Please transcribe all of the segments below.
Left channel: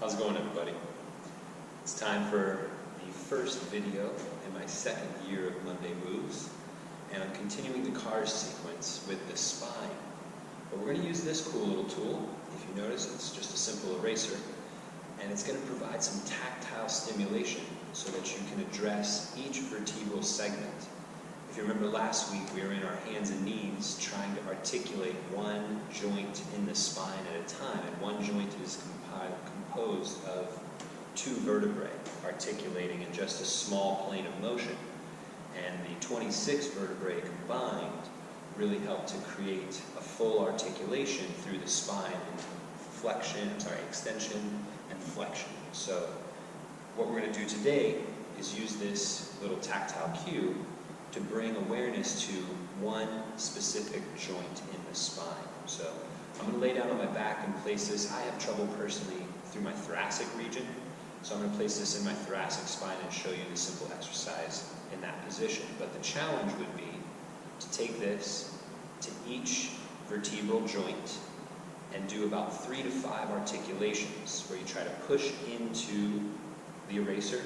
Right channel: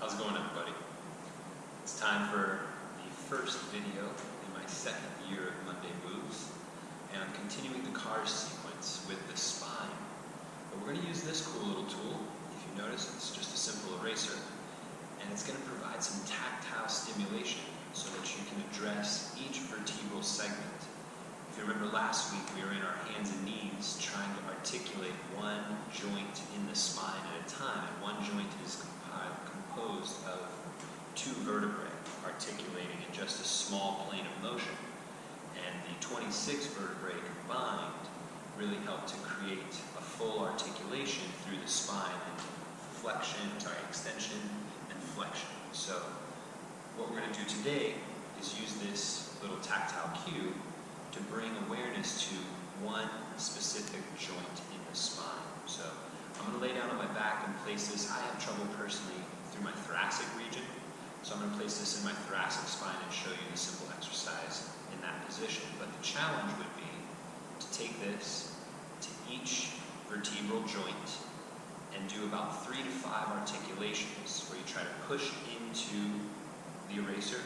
How's it going, everybody? It's time for the first video in my second year of Monday Moves, and I'm continuing the cars sequence with the spine. But we're going to use this cool little tool. If you notice, it's just a simple eraser, and it's going to provide some tactile stimulation so that you can address each vertebral segment. If you remember last week, we were in our hands and knees trying to articulate one joint in the spine at a time, and one joint is composed of two vertebrae articulating in just a small plane of motion. And the 26 vertebrae combined really help to create a full articulation through the spine into extension and flexion. So what we're going to do today is use this little tactile cue to bring awareness to one specific joint in the spine. So I'm going to lay down on my back and place this. I have trouble personally through my thoracic region, so I'm going to place this in my thoracic spine and show you the simple exercise in that position. But the challenge would be to take this to each vertebral joint and do about 3 to 5 articulations where you try to push into the eraser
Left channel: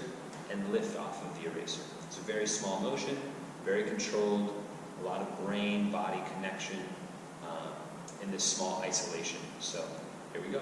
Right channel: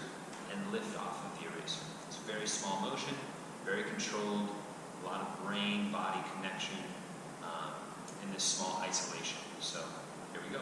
and lift off of the eraser. It's a very small motion, very controlled, a lot of brain-body connection in this small isolation. So here we go.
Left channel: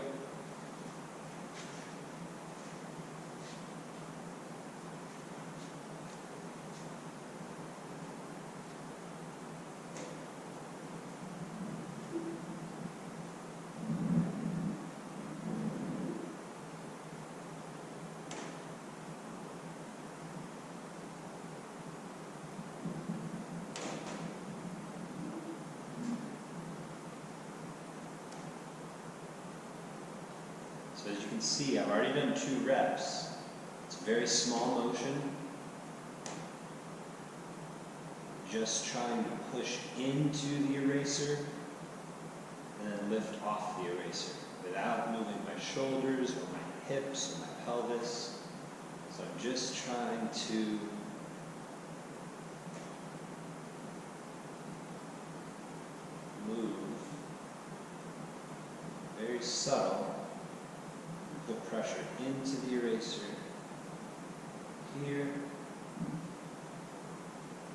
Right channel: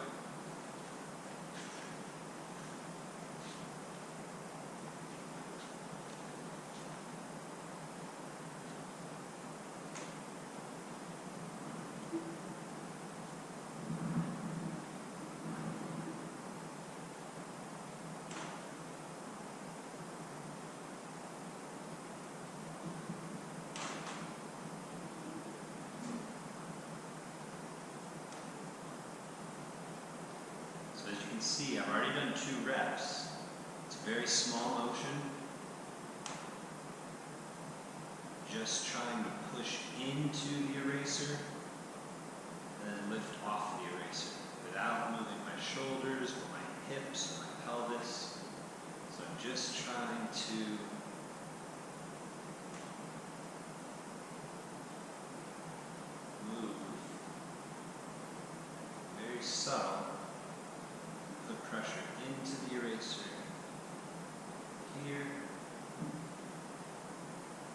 So as you can see, I've already done 2 reps. It's a very small motion. Just trying to push into the eraser and then lift off the eraser without moving my shoulders or my hips or my pelvis. So I'm just trying to move very subtle. Put pressure into the eraser here,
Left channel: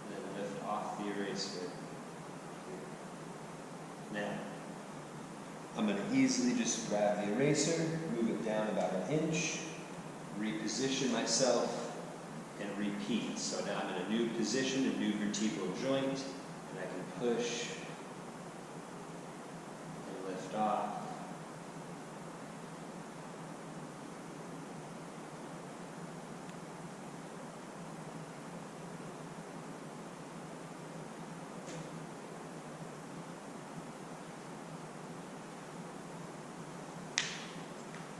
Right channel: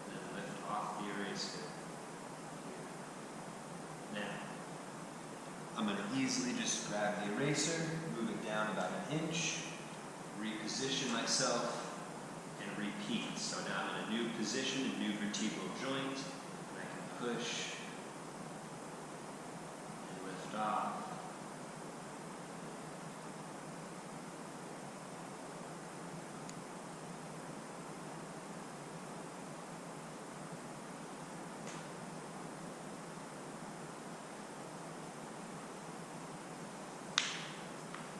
and then lift off the eraser here. Now, I'm going to easily just grab the eraser, move it down about 1 inch, reposition myself, and repeat. So now I'm in a new position, a new vertebral joint, and I can push and lift off.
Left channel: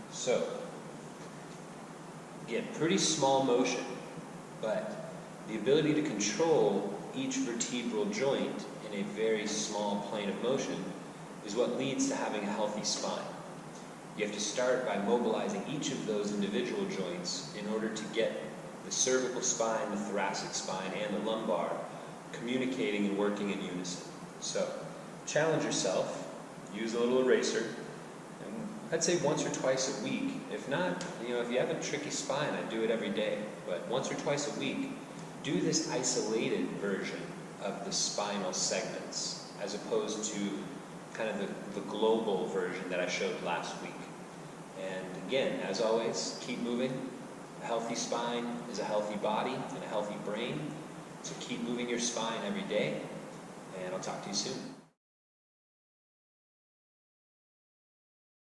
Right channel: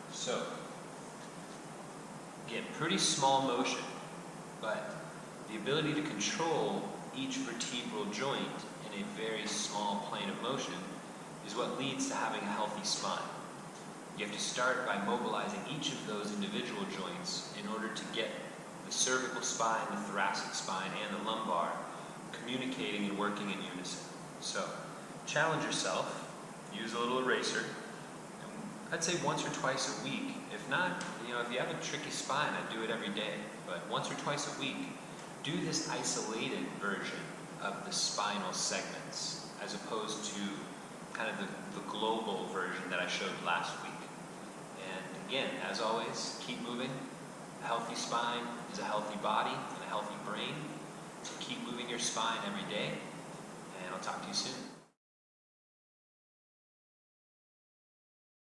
So, again, pretty small motion, but the ability to control each vertebral joint in a very small plane of motion is what leads to having a healthy spine. You have to start by mobilizing each of those individual joints in order to get the cervical spine, the thoracic spine, and the lumbar communicating and working in unison. So, challenge yourself, use a little eraser. I'd say once or twice a week. If not, if you have a tricky spine, I'd do it every day. But once or twice a week, do this isolated version of the spinal segments, as opposed to kind of the global version that I showed last week. And again, as always, keep moving. A healthy spine is a healthy body and a healthy brain. So keep moving your spine every day, and I'll talk to you soon.